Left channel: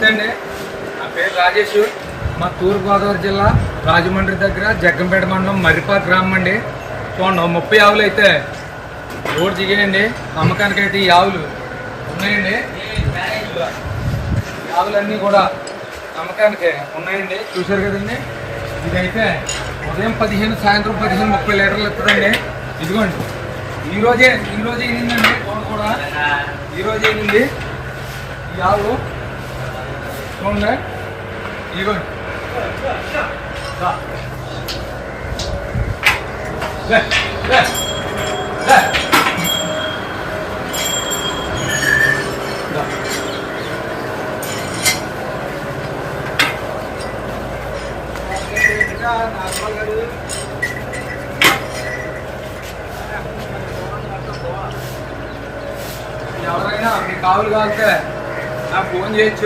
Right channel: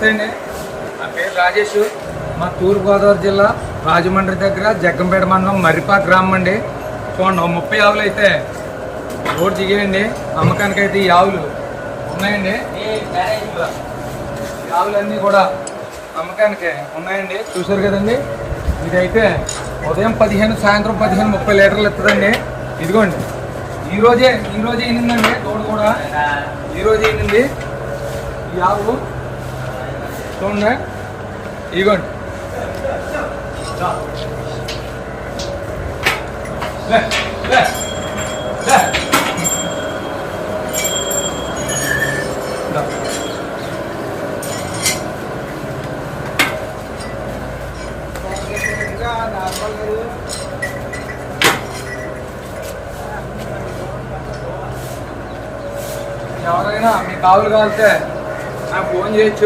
నమస్తే అండి. నా పేరు రాజేష్. మా తూర్పుగోదావరి జిల్లా రాజమండ్రి దగ్గర జగ్గంపేట మండలం మర్రిపాక గ్రామం అండి. చూడండి 30 ఆవులు అయితే రోడ్ దిగేయండి. అమ్మకానికి అయితే ఈ ఆవులు ఉన్నాయండి. ఈ ఆవులన్నీ కూడా అమ్మకానికి ఉన్నాయండి. చూశారు కదండి. ఇదైతే ఉదయం 15, సాయంత్రం 15, 30 లీటర్లు ఇస్తుందండి. ఇదిగోండి ఈరోజే ఈనిందండి. తోడు కూడా ఈరోజు ఈనింది ఈ ఆవు. చూడండి ఇదిగోండి. ఎవరైనా మీకు ఆవులు కావాలంటే నాకు ఫోన్ చేయొచ్చు.